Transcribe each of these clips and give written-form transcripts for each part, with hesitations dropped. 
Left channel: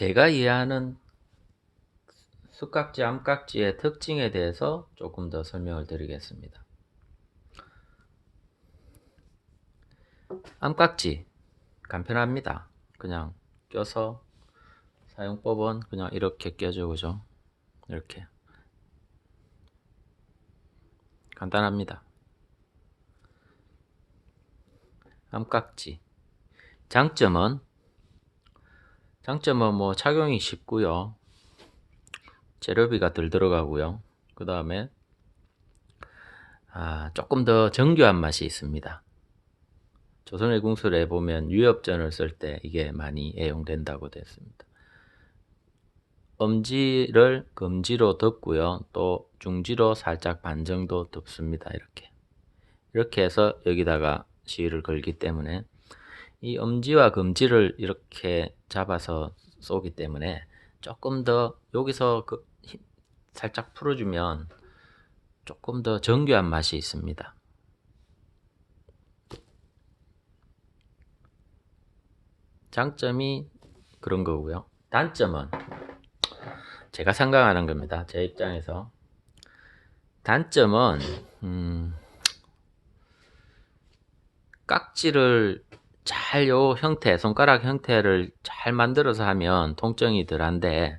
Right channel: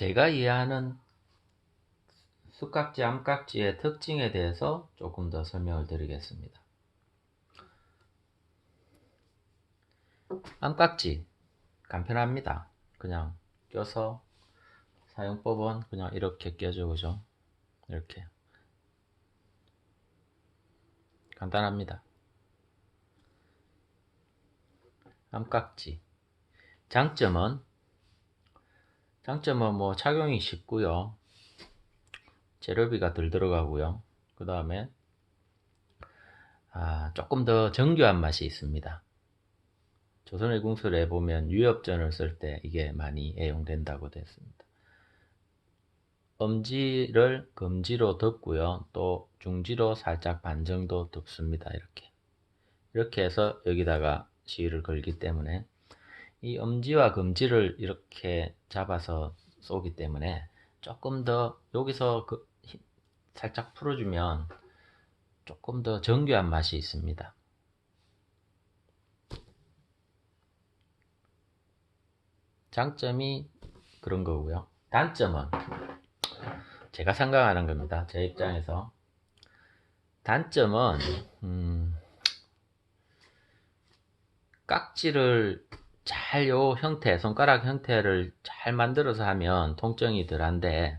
제가 이해하는 쑥깍지, 암깍지의 특징에 대해서 조금 더 설명을 드리겠습니다. 암깍지 간편합니다. 그냥 껴서 사용법은 그냥 이렇게 껴죠, 그죠? 이렇게 간단합니다. 암깍지 장점은 뭐 착용이 쉽고요, 재료비가 덜 들어가고요, 그 다음에 조금 더 정교한 맛이 있습니다. 조선의 궁술에 보면 유엽전을 쓸 때 이게 많이 애용된다고 되어 있습니다. 엄지를 검지로 덮고요, 또 중지로 살짝 반 정도 덮습니다. 이렇게 해서 여기다가 시위를 걸기 때문에 이 엄지와 검지를 이렇게 잡아서 쏘기 때문에 조금 더 여기서 살짝 풀어주면 조금 더 정교한 맛이 있습니다. 장점이 그런 거고요. 단점은 제가 생각하는 겁니다. 제 입장에서. 단점은 깍지를 잘 손가락 형태를 잘 만들어서 하면 통증이 덜한데,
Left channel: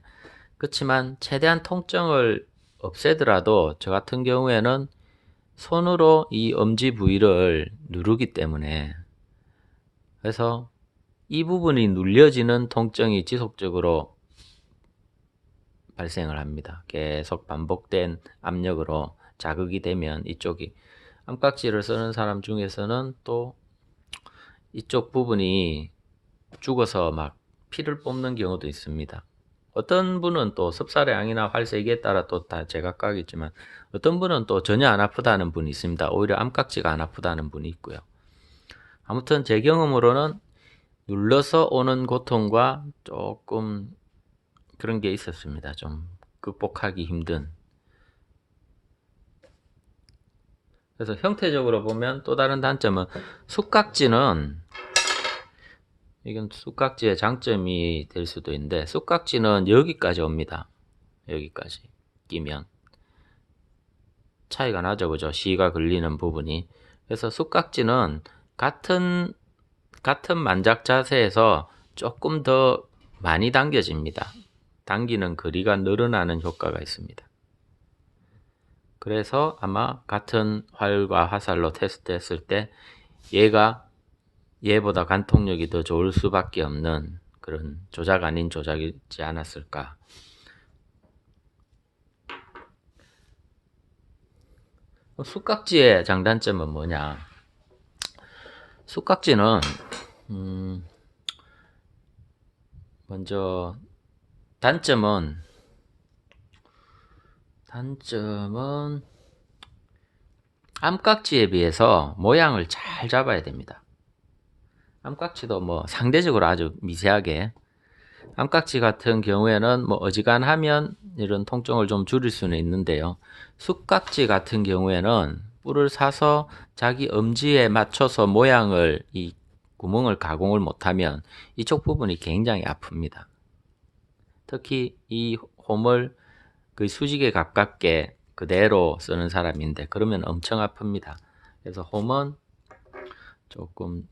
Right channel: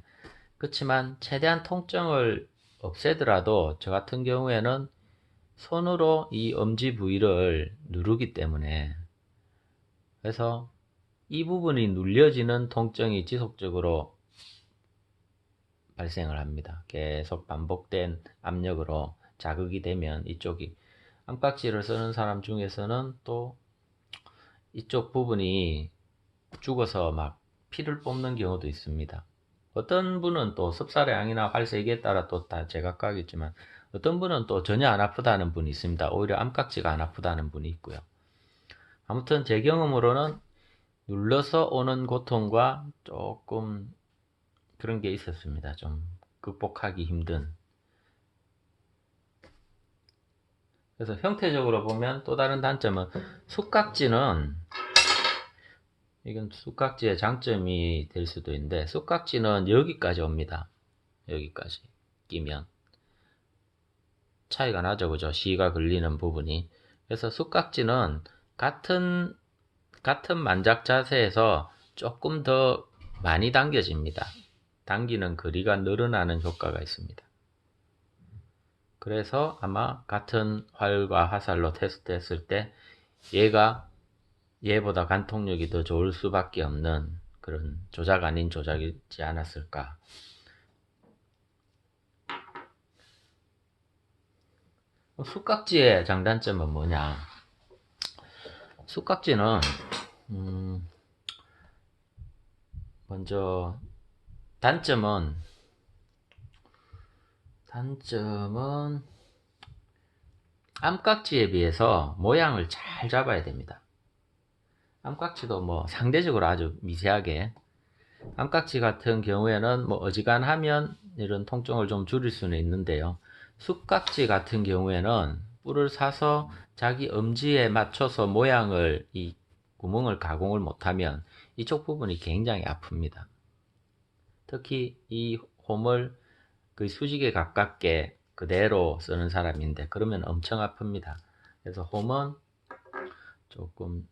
그렇지만 최대한 통증을 없애더라도 저 같은 경우에는 손으로 이 엄지 부위를 누르기 때문에, 그래서 이 부분이 눌려지는 통증이 지속적으로 발생을 합니다. 계속 반복된 압력으로 자극이 되면 이쪽이, 암깍지를 쓰는 사람 중에서는 또 이쪽 부분이 죽어서 막 피를 뽑는 경우도 있습니다. 어떤 분은 또 섭살의 양이나 활색에 따라 또 다 제각각이지만, 어떤 분은 또 전혀 안 아프다는 분이 있습니다. 오히려 암깍지가 안 아프다는 분이 있고요. 아무튼 제 경험으로는 눌러서 오는 고통과 조금 그런 게 있었습니다. 좀 극복하기 힘든. 그래서 형태적으로 보면 또 다른 단점은, 쑥깍지는, 이건 쑥깍지의 장점이 될 수도 있는데, 쑥깍지는 여기까지 옵니다. 여기까지 끼면 차이가 나죠, 그죠? 시가 걸리는 부분이. 그래서 쑥깍지는 같은 만작 자세에서 조금 더 많이 당겨집니다. 당기는 거리가 늘어나는 효과가 있습니다. 그래서 아마 같은 활과 화살로 테스트했을 때 얘보다 관통력이 더 좋을 수밖에 없는 그런 조작 아닌 조작이지 않았을까. 쑥깍지의 장단점은 뭐냐? 쑥깍지는 먼저 단점은 암깍지에 비해서 모양을 잘 잡아야 됩니다. 암깍지도 뭐 상대적으로 아주 미세하게, 암깍지 같은 경우에는 뭐 어지간하면 이런 통증을 좀 줄일 수는 있는데요, 쑥깍지 같은 경우에는 뿔을 사서 자기 엄지에 맞춰서 이 구멍을 가공을 못하면 이쪽 부분이 굉장히 아픕니다. 특히 이 홈을 그 수직에 가깝게 그대로 쓰는 사람인데, 그러면 엄청 아픕니다. 그래서 홈은 조금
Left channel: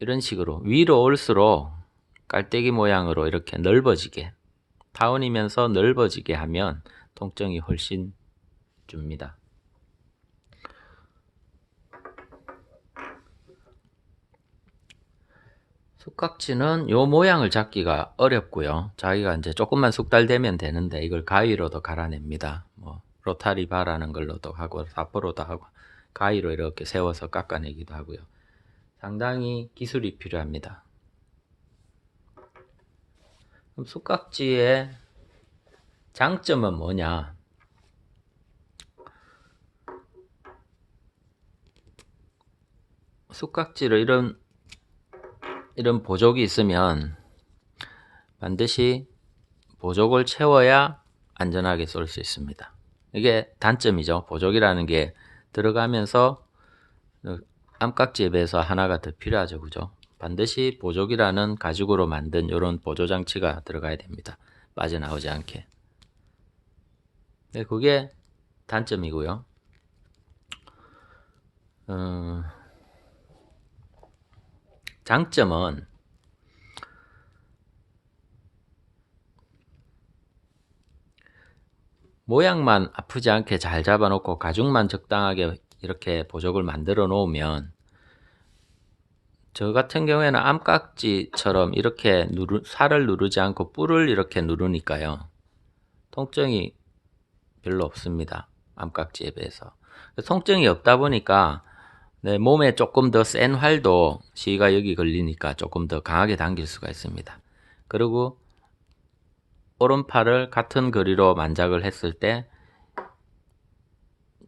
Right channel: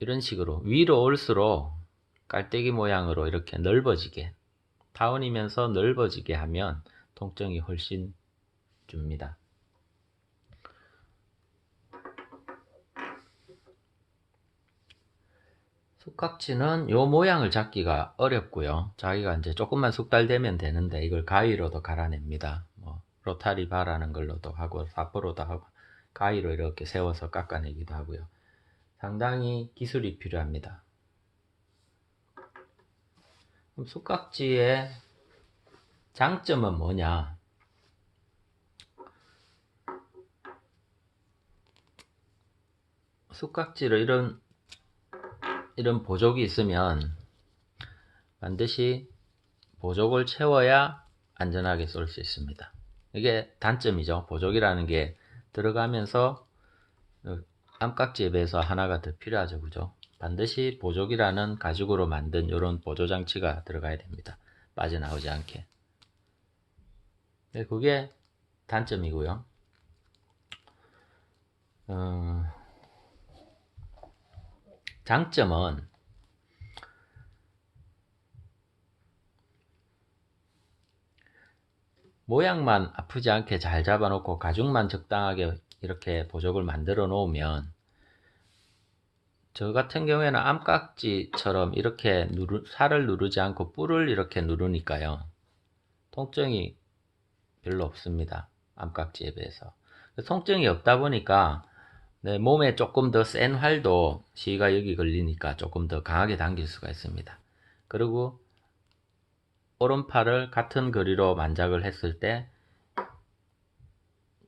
이런 식으로 위로 올수록 깔때기 모양으로 이렇게 넓어지게, 타원이면서 넓어지게 하면 통증이 훨씬 줍니다. 쑥깍지는 요 모양을 잡기가 어렵고요. 자기가 이제 조금만 숙달되면 되는데, 이걸 가위로도 갈아냅니다. 뭐 로타리 바라는 걸로도 하고 사포로도 하고 가위로 이렇게 세워서 깎아내기도 하고요. 상당히 기술이 필요합니다. 그럼 쑥깍지의 장점은 뭐냐? 쑥깍지를 이런 보족이 있으면 반드시 보족을 채워야 안전하게 쏠 수 있습니다. 이게 단점이죠. 보족이라는 게 들어가면서 암깍지에 비해서 하나가 더 필요하죠, 그죠? 반드시 보조기라는 가죽으로 만든 이런 보조장치가 들어가야 됩니다. 빠져나오지 않게. 네, 그게 단점이고요. 장점은 모양만 아프지 않게 잘 잡아놓고 가죽만 적당하게 이렇게 보조를 만들어 놓으면, 저 같은 경우에는 암깍지처럼 이렇게 살을 누르지 않고 뿔을 이렇게 누르니까요, 통증이 별로 없습니다. 암깍지에 비해서. 통증이 없다 보니까 내 몸에 조금 더 센 활도 시가 여기 걸리니까 조금 더 강하게 당길 수가 있습니다. 그리고 오른팔을 같은 거리로 만작을 했을 때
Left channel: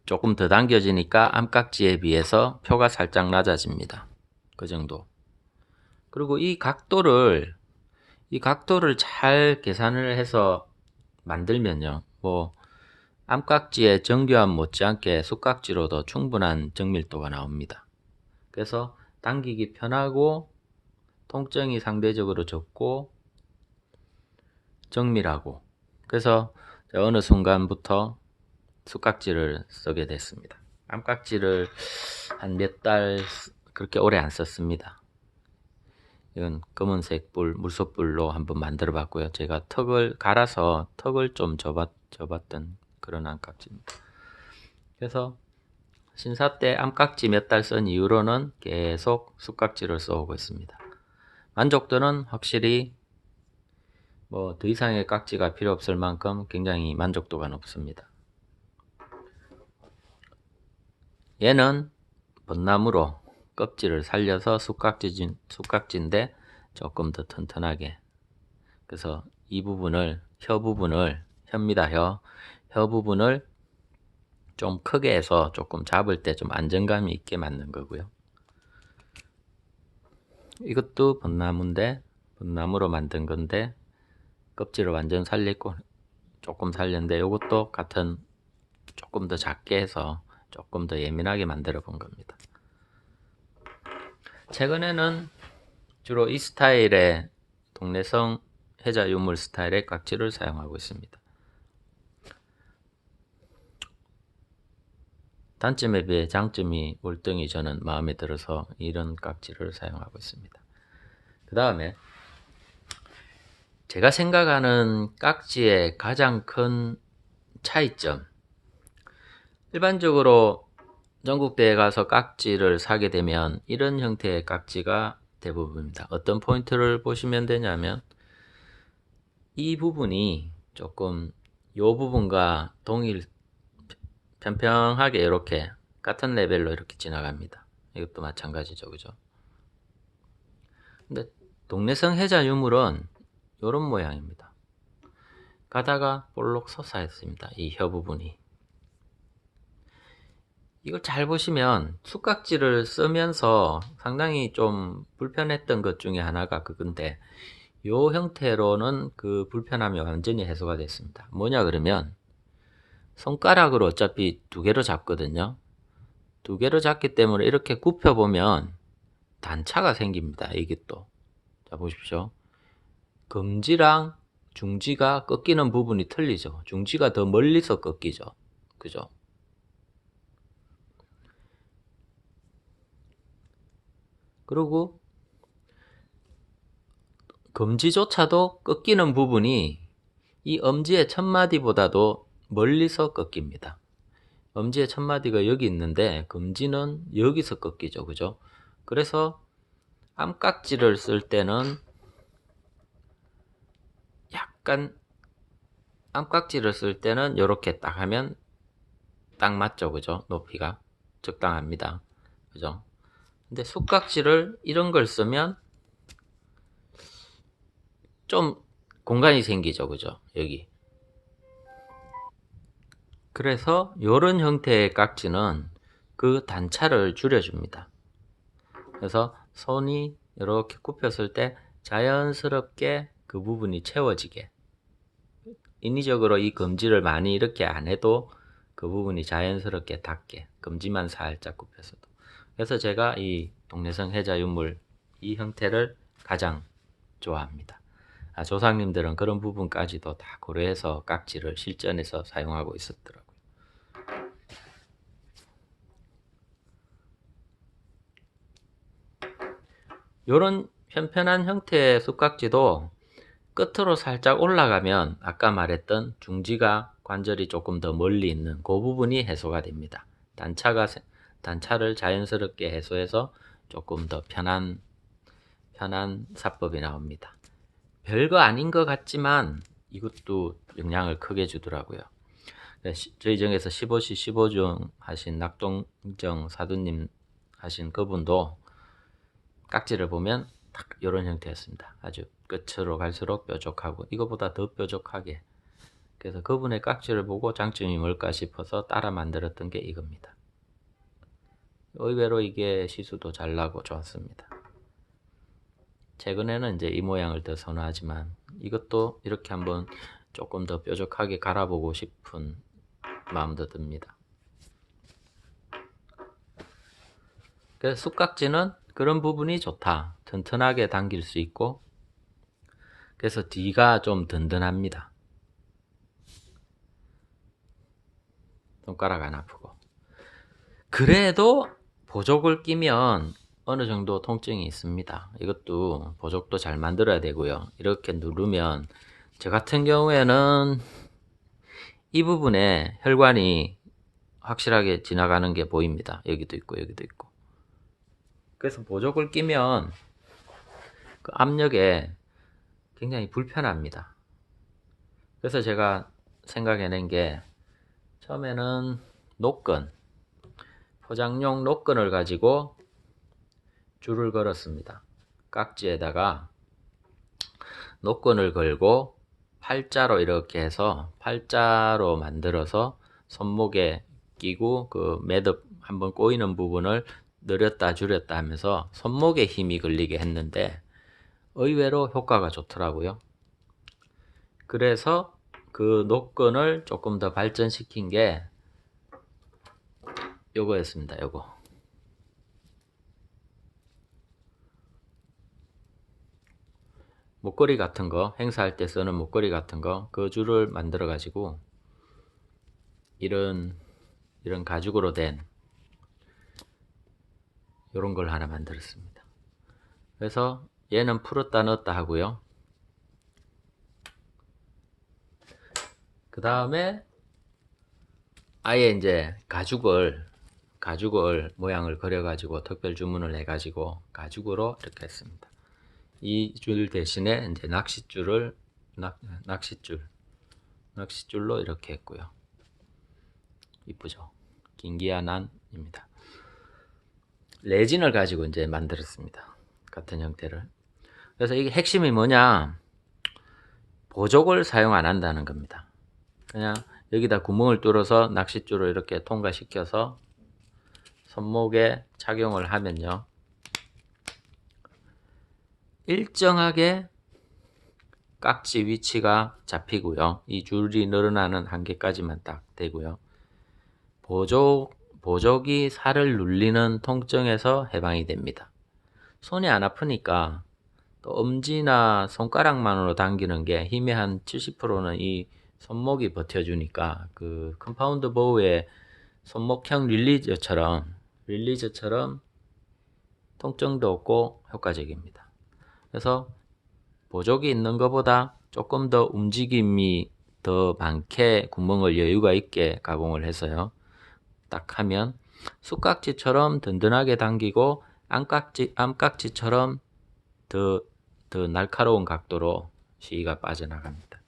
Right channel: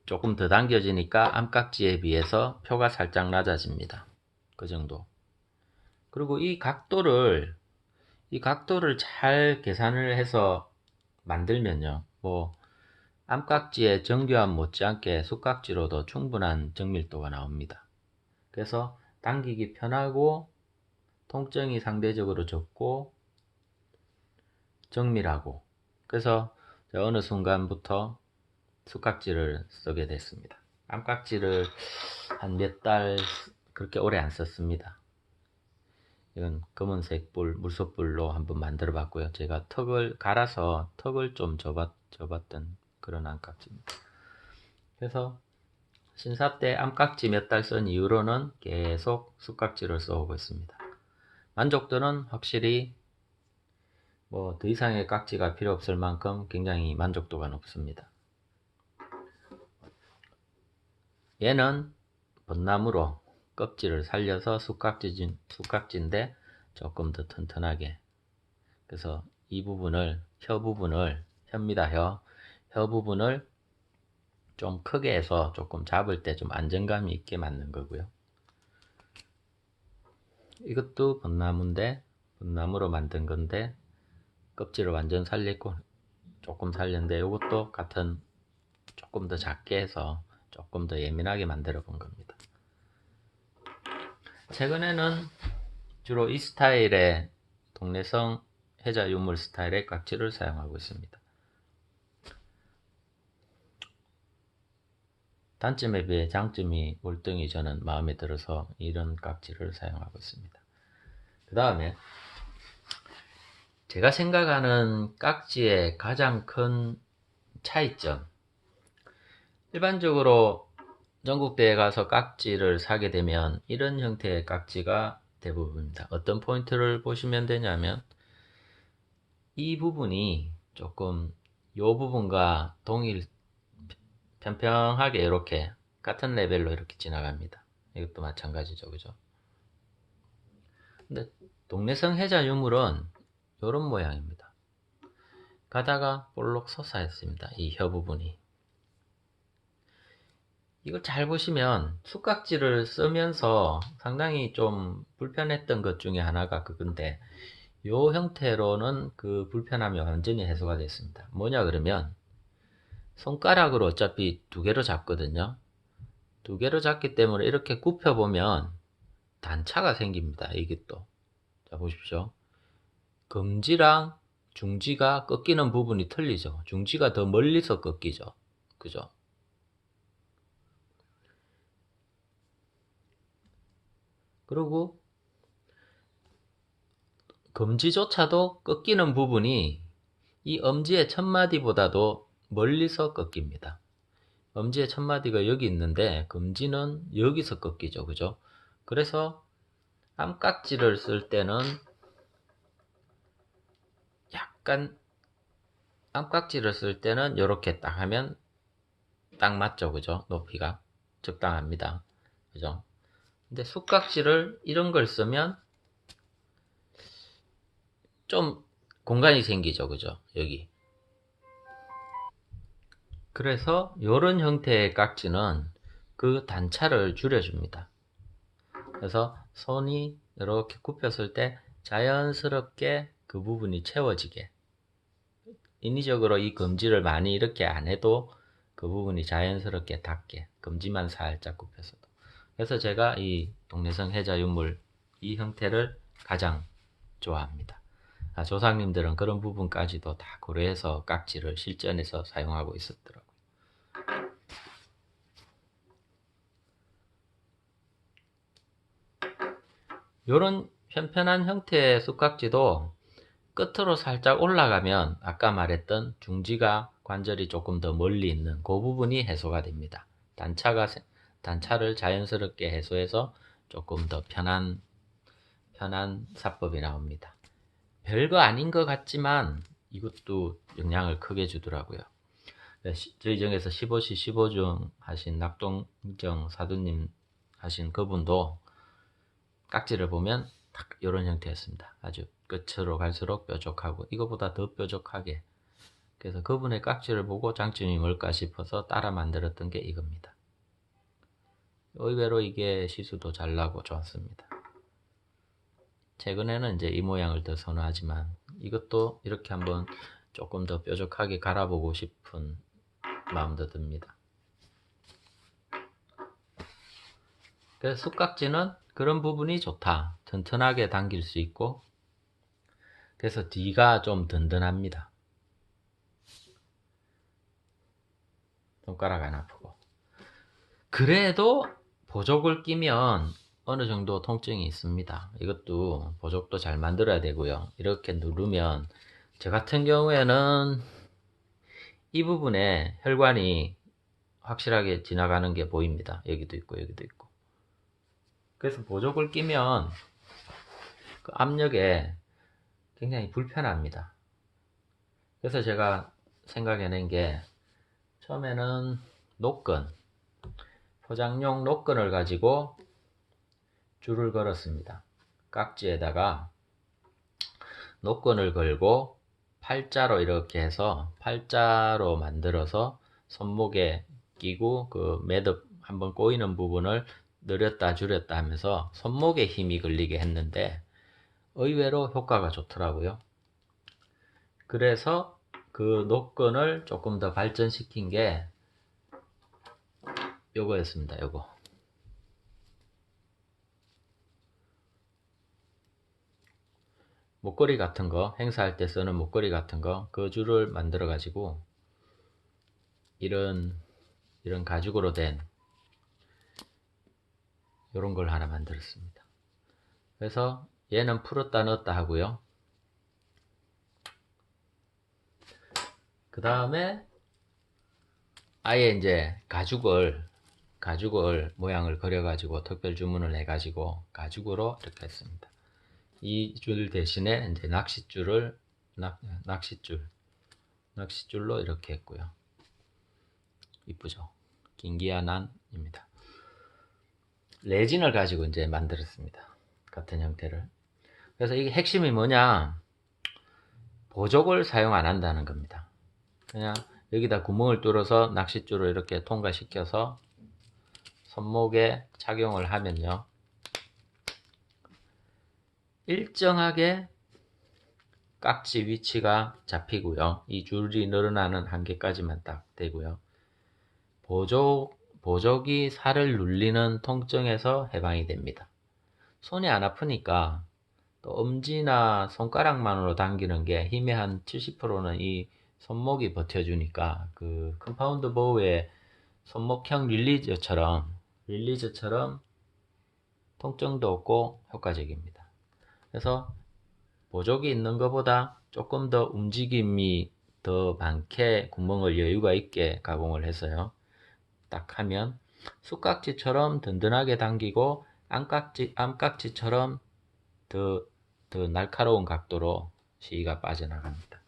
조금 더 당겨지니까 암깍지에 비해서 표가 살짝 낮아집니다. 그 정도. 그리고 이 각도를 잘 계산을 해서 만들면요, 뭐 암깍지의 정교함 못지않게 숟깍지로도 충분한 정밀도가 나옵니다. 그래서 당기기 편하고 통증이 상대적으로 적고 정밀하고, 그래서 어느 순간부터 숟깍지를 쓰게 됐습니다. 암깍지를 한 몇 달 그렇게 오래 안 썼습니다. 이건 검은색 뿔, 물소뿔로 한번 만들어 봤고요. 제가 턱을 갈아서 턱을 좀 접었던 그런 암깍지입니다. 그래서 신사 때 암깍지 몇 달 쓴 이후로는 계속 숟깍지를 써오고 있습니다. 만족도는 확실히 뭐 더 이상의 깍지가 필요 없을 만큼 굉장히 만족도가 높습니다. 얘는 벚나무로 껍질을 살려서 숟깍지인데 조금 더 튼튼하게, 그래서 이 부분을, 혀입니다. 혀 부분을 좀 크게 해서 조금 잡을 때 좀 안정감이 있게 만든 거고요. 이것도 벚나무인데, 벚나무로 만든 건데 껍질을 완전 살렸고 조금 살렸는데, 이것도 같은 조금 더 작게 해서 조금 더 예민하게 만들어 본 겁니다. 최근에는 주로 이 스타일의 동네성 해자 유물 스타일의 깍지를 사용하고 있습니다. 단점에 비해 장점이 월등히 저는 마음에 들어서 이런 깍지를 사용하고 있습니다. 그 다음에 제가 생각하는 깍지의 가장 큰 차이점, 일반적으로 전국대에 가서 깍지를 사게 되면 이런 형태의 깍지가 대부분입니다. 어떤 포인트를 보시면 되냐면, 이 부분이 조금 요 부분과 평평하게 이렇게 같은 레벨로 이렇게 지나갑니다. 이것도 마찬가지죠, 그죠? 근데 동네성 해자 유물은 이런 모양입니다. 가다가 볼록 솟아있습니다. 이 혀 부분이. 이걸 잘 보시면 숟깍지를 쓰면서 상당히 좀 불편했던 것 중에 하나가 그건데, 요 형태로는 그 불편함이 완전히 해소가 됐습니다. 뭐냐 그러면, 손가락으로 어차피 두 개로 잡거든요. 두 개로 잡기 때문에 이렇게 굽혀보면 단차가 생깁니다. 이게 또. 자, 보십시오. 검지랑 중지가 꺾이는 부분이 틀리죠. 중지가 더 멀리서 꺾이죠. 그죠? 그리고 검지조차도 꺾이는 부분이 이 엄지의 첫마디보다도 멀리서 꺾입니다. 엄지의 첫마디가 여기 있는데 검지는 여기서 꺾이죠. 그죠? 그래서 암깍지를 쓸 때는 약간, 암깍지를 쓸 때는 이렇게 딱 하면 딱 맞죠. 그죠? 높이가 적당합니다. 그죠? 근데 숟깍지를 이런 걸 쓰면 좀 공간이 생기죠. 그죠? 여기. 그래서 이런 형태의 깍지는 그 단차를 줄여줍니다. 그래서 손이 이렇게 굽혔을 때 자연스럽게 그 부분이 채워지게, 인위적으로 이 검지를 많이 이렇게 안 해도 그 부분이 자연스럽게 닿게, 검지만 살짝 굽혀서도. 그래서 제가 이 동네성 해자 유물 이 형태를 가장 좋아합니다. 조상님들은 그런 부분까지도 다 고려해서 깍지를 실전에서 사용하고 있었더라고요. 이런 편편한 형태의 쑥깍지도 끝으로 살짝 올라가면 아까 말했던 중지가 관절이 조금 더 멀리 있는 그 부분이 해소가 됩니다. 단차를 자연스럽게 해소해서 조금 더 편한 사법이 나옵니다. 별거 아닌 것 같지만 이것도 영향을 크게 주더라고요. 저희 정에서 15시 15중 하신 낙동정 사두님 하신 그분도 깍지를 보면 딱 이런 형태였습니다. 아주 끝으로 갈수록 뾰족하고 이거보다 더 뾰족하게. 그래서 그분의 깍지를 보고 장점이 뭘까 싶어서 따라 만들었던 게 이겁니다. 의외로 이게 시수도 잘 나고 좋았습니다. 최근에는 이제 이 모양을 더 선호하지만 이것도 이렇게 한번 조금 더 뾰족하게 갈아보고 싶은 마음도 듭니다. 그래서 쑥깍지는 그런 부분이 좋다. 튼튼하게 당길 수 있고 그래서 뒤가 좀 든든합니다. 손가락 안 아프고. 그래도 보조을 끼면 어느 정도 통증이 있습니다. 이것도 보조도 잘 만들어야 되고요. 이렇게 누르면 저 같은 경우에는 이 부분에 혈관이 확실하게 지나가는 게 보입니다. 여기도 있고 여기도 있고. 그래서 보조을 끼면 그 압력에 굉장히 불편합니다. 그래서 제가 생각해낸 게 처음에는 포장용 노끈을 가지고 줄을 걸었습니다. 깍지에다가 노끈을 걸고 팔자로 이렇게 해서 팔자로 만들어서 손목에 끼고 그 매듭 한번 꼬이는 부분을 늘렸다 줄였다 하면서 손목에 힘이 걸리게 했는데 의외로 효과가 좋더라고요. 그래서 그 노끈을 조금 더 발전시킨 게 요거였습니다. 요거. 목걸이 같은 거, 행사할 때 쓰는 목걸이 같은 거, 그 줄을 만들어 가지고 이런 가죽으로 된 이런 걸 하나 만들었습니다. 그래서 얘는 풀었다 넣었다 하고요. 그 다음에 아예 이제 가죽을 모양을 그려가지고 특별 주문을 해가지고 가죽으로 이렇게 했습니다. 이 줄 대신에 이제 낚싯줄로 이렇게 했고요. 이쁘죠? 긴기아난입니다. 레진을 가지고 이제 만들었습니다. 같은 형태를. 그래서 이게 핵심이 뭐냐? 보조을 사용 안 한다는 겁니다. 그냥 여기다 구멍을 뚫어서 낚싯줄을 이렇게 통과시켜서 손목에 착용을 하면요. 일정하게 깍지 위치가 잡히고요. 이 줄이 늘어나는 한계까지만 딱 되고요. 보조기 살을 눌리는 통증에서 해방이 됩니다. 손이 안 아프니까 또 엄지나 손가락만으로 당기는 게 힘의 한 70%는 이 손목이 버텨주니까 그 컴파운드 보우의 손목형 릴리저처럼 통증도 없고 효과적입니다. 그래서 보조기 있는 것보다 조금 더 움직임이 더 많게 구멍을 여유가 있게 가공을 해서요. 딱 하면 쑥깍지처럼 든든하게 당기고 암깍지처럼 더 날카로운 각도로 시위가 빠져나갑니다.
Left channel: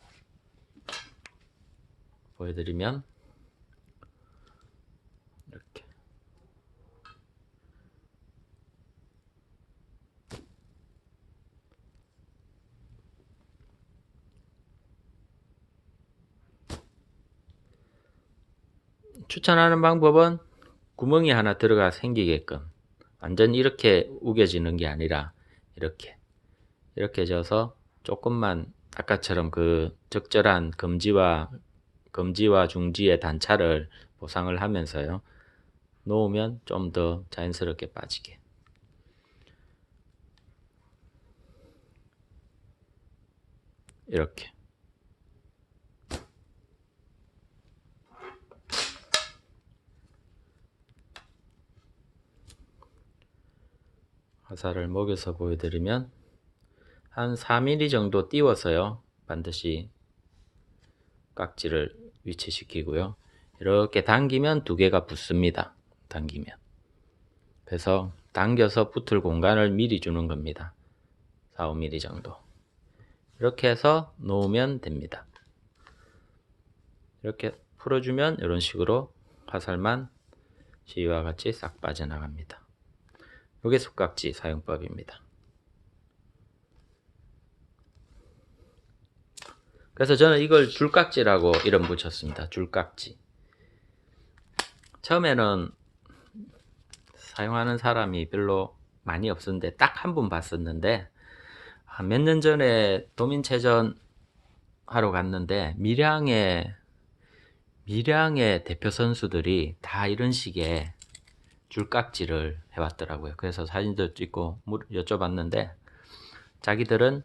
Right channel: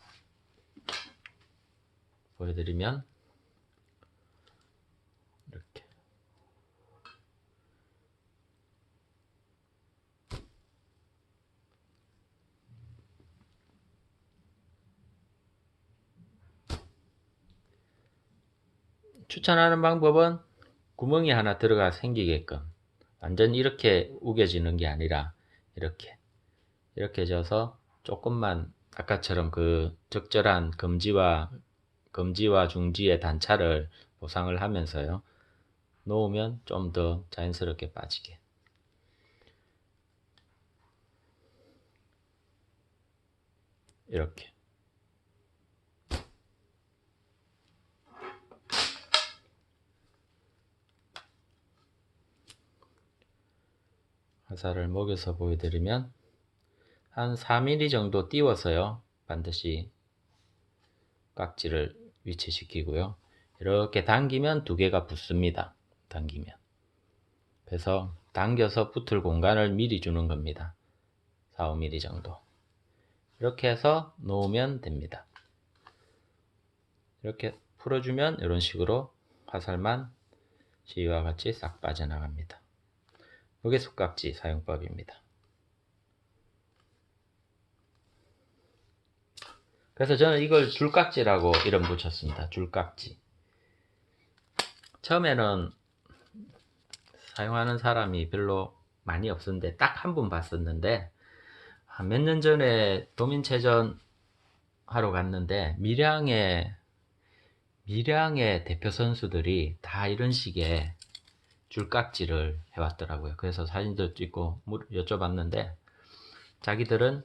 보여드리면 이렇게 추천하는 방법은 구멍이 하나 들어가 생기게끔 완전 이렇게 우겨지는 게 아니라 이렇게 져서 조금만 아까처럼 그 적절한 검지와 중지의 단차를 보상을 하면서요. 놓으면 좀 더 자연스럽게 빠지게. 이렇게. 화살을 먹여서 보여드리면 한 4mm 정도 띄워서요. 반드시 깍지를 위치시키고요. 이렇게 당기면 두 개가 붙습니다. 당기면. 그래서 당겨서 붙을 공간을 미리 주는 겁니다. 4, 5mm 정도. 이렇게 해서 놓으면 됩니다. 이렇게 풀어주면 이런 식으로 화살만 시위와 같이 싹 빠져나갑니다. 이게 숯깍지 사용법입니다. 그래서 저는 이걸 줄깍지라고 이름 붙였습니다. 줄깍지. 처음에는 사용하는 사람이 별로 많이 없었는데 딱 한 분 봤었는데 몇 년 전에 도민체전 하러 갔는데 밀양의 대표 선수들이 다 이런 식의 줄깍지를 해왔더라고요. 그래서 사진도 찍고 여쭤봤는데 자기들은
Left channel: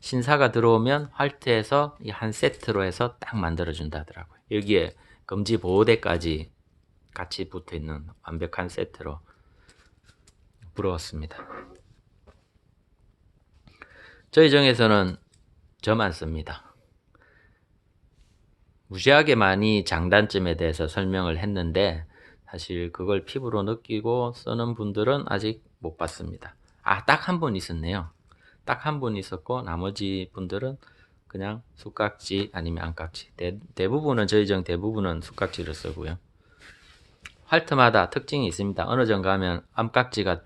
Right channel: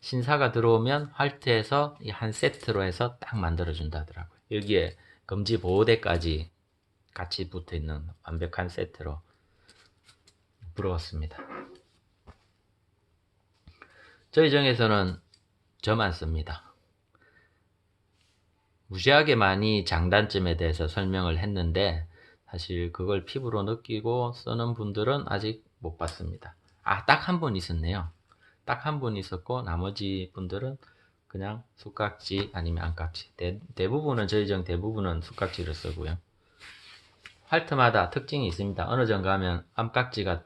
신사가 들어오면 활트에서 한 세트로 해서 딱 만들어 준다 하더라고요. 여기에 검지 보호대까지 같이 붙어 있는 완벽한 세트로. 부러웠습니다. 저희 정에서는 저만 씁니다. 무지하게 많이 장단점에 대해서 설명을 했는데 사실 그걸 피부로 느끼고 쓰는 분들은 아직 못 봤습니다. 딱 한 분 있었네요. 딱 한 분 있었고 나머지 분들은 그냥 숯깍지 아니면 안깍지. 대부분은 저희 정 대부분은 숯깍지를 쓰고요. 활트마다 특징이 있습니다. 어느 정 가면 암깍지가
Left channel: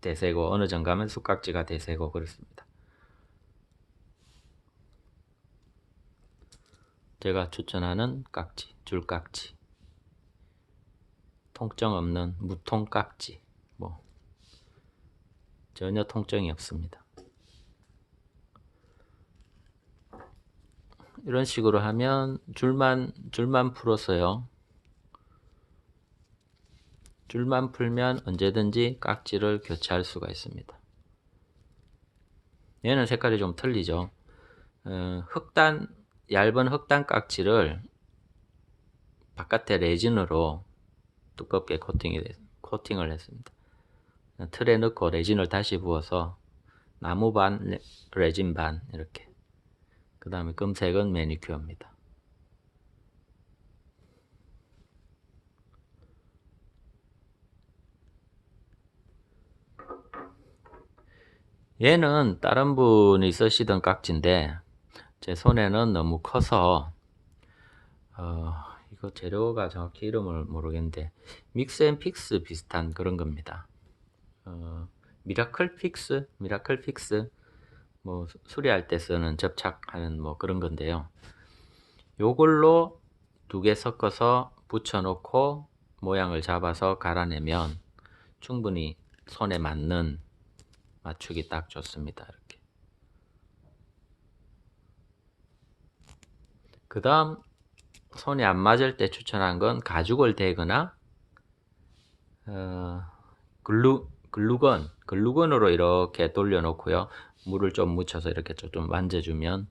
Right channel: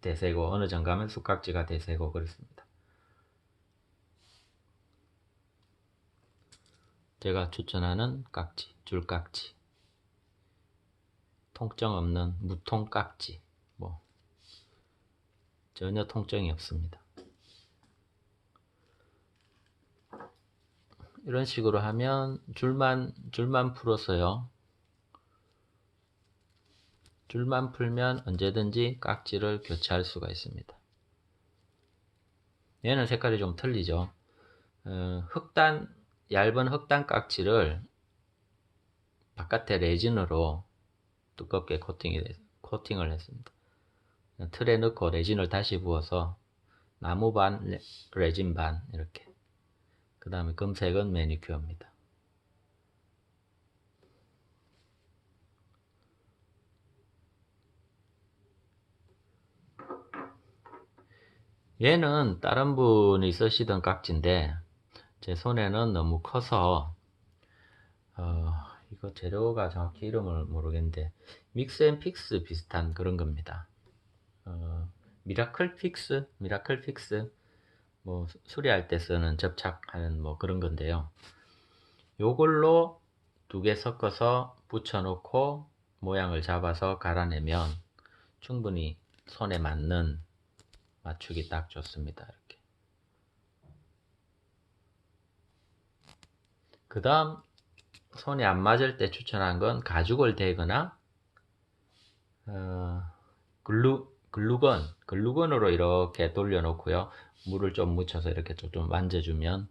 대세고 어느 정 가면 숯깍지가 대세고 그렇습니다. 제가 추천하는 깍지, 줄깍지, 통증 없는 무통깍지, 전혀 통증이 없습니다. 이런 식으로 하면 줄만 풀어서요. 줄만 풀면 언제든지 깍지를 교체할 수가 있습니다. 얘는 색깔이 좀 틀리죠. 얇은 흑단 깍지를 바깥에 레진으로 두껍게 코팅을 했습니다. 틀에 넣고 레진을 다시 부어서 나무 반, 레진 반 이렇게. 그 다음에 금색은 매니큐어입니다. 얘는 다른 분이 쓰시던 깍지인데 제 손에는 너무 커서 이거 재료가 정확히 이름을 모르겠는데 믹스앤픽스 비슷한 그런 겁니다. 미라클 픽스 뭐 수리할 때 쓰는 접착하는 뭐 그런 건데요. 요걸로 두 개 섞어서 붙여 놓고 모양을 잡아서 갈아내면 충분히 손에 맞는 맞추기 딱 좋습니다. 이렇게. 그 다음 손에 안 맞을 때 추천한 건 가죽을 대거나 글루건으로 이렇게 돌려놓고요. 물을 좀 묻혀서 이렇게 좀 만져주면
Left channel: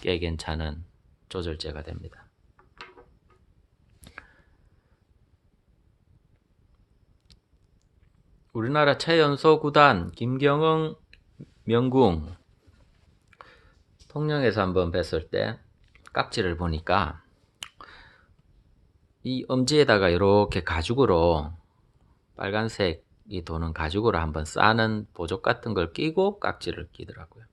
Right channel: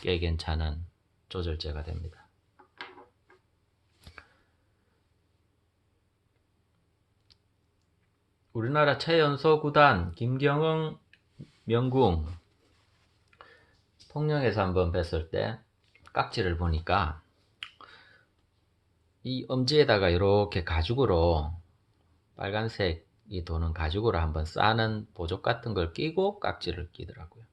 꽤 괜찮은 조절제가 됩니다. 우리나라 최연소 구단 김경흥 명궁 통영에서 한번 뵀을 때 깍지를 보니까 이 엄지에다가 이렇게 가죽으로 빨간색이 도는 가죽으로 한번 싸는 보조 같은 걸 끼고 깍지를 끼더라고요.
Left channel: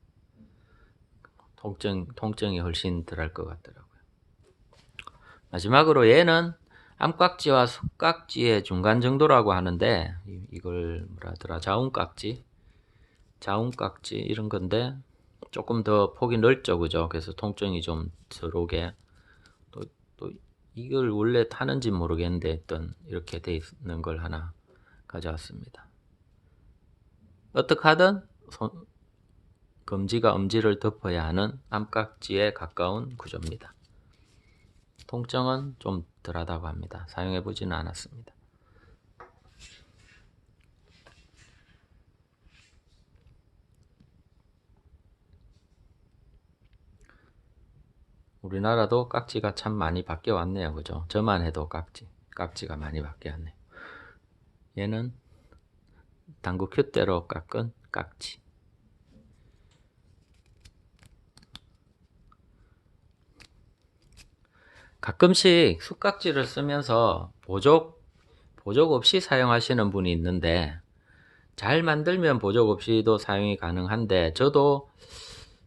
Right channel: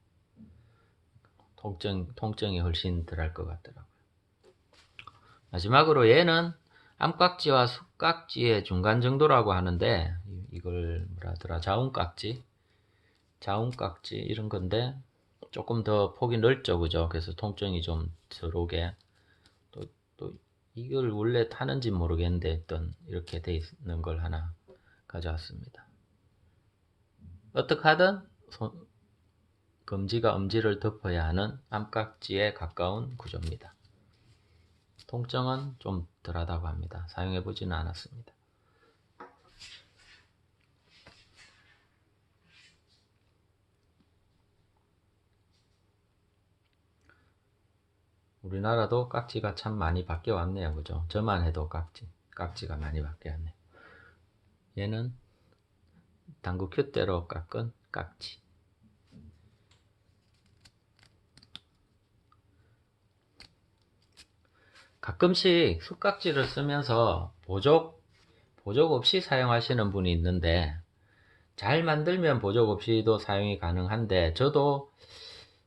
통증이 훨씬 덜할 것 같더라고요. 마지막으로 얘는 암깍지와 숯깍지의 중간 정도라고 하는데 이걸 뭐라 하더라, 자운깍지 이런 건데 조금 더 폭이 넓죠, 그죠? 그래서 통증이 좀 덜 오게. 또 이걸 원래 타는지 모르겠는데 일단 이렇게 돼 있는 걸 하나 가져왔습니다. 어떻게 하든 검지가 엄지를 덮어야 하는 암깍지에 가까운 구조입니다. 통증은 좀 덜하다고 합니다. 사용해 보지는 않았습니다. 우리나라도 깍지가 참 많이 바뀌어 왔네요. 그죠? 저만 해도 깍지가 많이 바뀌어 왔네. 얘는 당구 큐대로 깎은 깍지. 가끔씩 숟깍지를 쓰면서 보조 없이 사용하시는 분이 있는데, 잘 만들면 보조 없이도 사용이 가능한데, 저도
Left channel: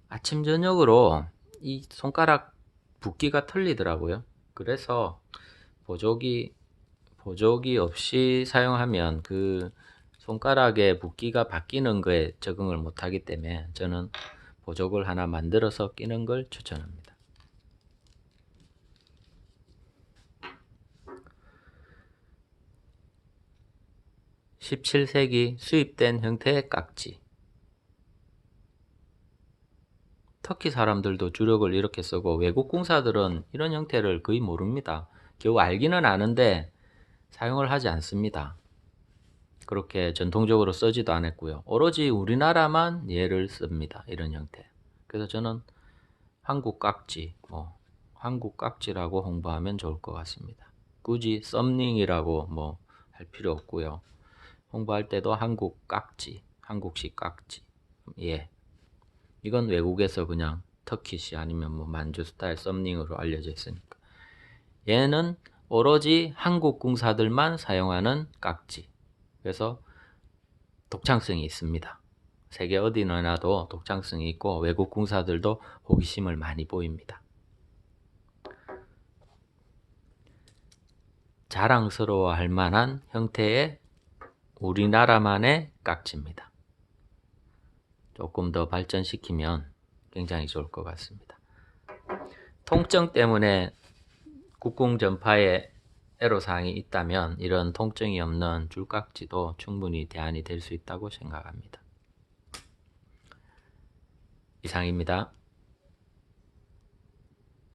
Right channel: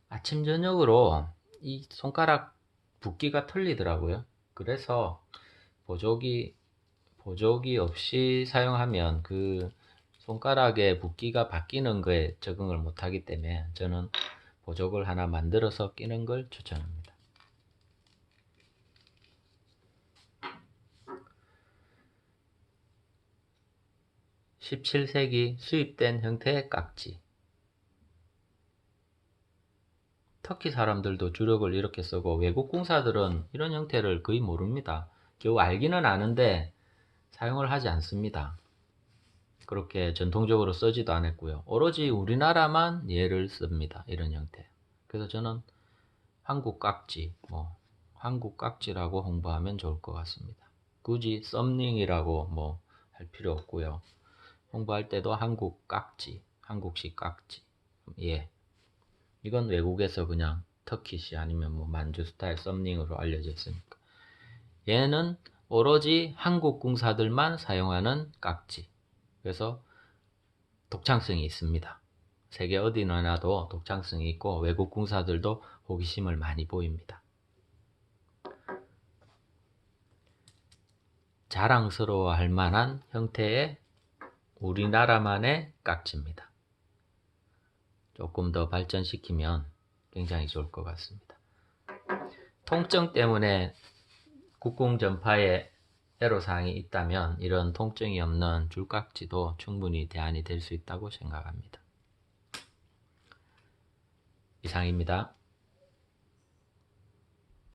아침 저녁으로 이 손가락 붓기가 틀리더라고요. 그래서 보조기 없이 사용하면 그 손가락의 붓기가 바뀌는 거에 적응을 못하기 때문에 저는 보조를 하나 만들어서 끼는 걸 추천합니다. 17세기 수입된 형태의 깍지. 터키 사람들도 주력을 이렇게 쓰고 외국 공사들은 이런 형태를 거의 모릅니다. 겨우 알기는 아는데 사용을 하지 않습니다. 그렇게 전통적으로 쓰지도 않았고요. 오로지 우리나라만 얘를 씁니다. 이런 형태. 그래서 저는 한국 깍지, 한국 깍지라고 홍보하면 좋을 것 같습니다. 굳이 썸닝이라고 할 필요 없고요. 홍보할 때도 한국 깍지, 한국식 깍지. 예. 이건 외국에서 그냥 터키시 아니면 만주 스타일 썸닝으로 알려져 있으니까. 얘는 오로지 한국 공사들만 사용하는 깍지. 그래서 독창성이 있습니다. 세계 어디 너나도 독창성이 있고 외국 공사들도 호기심을 많이 보입니다. 자랑스러워할 만한 형태의 우리나라만의 깍지입니다. 조금 더 발전시키면 굉장히 좋을 것 같습니다. 통증 때문에 국궁 전파에 애로사항이 있다면 이런 통증이 없는 줄깍지도 충분히 대안이 될 수 있다고 생각합니다. 이상입니다.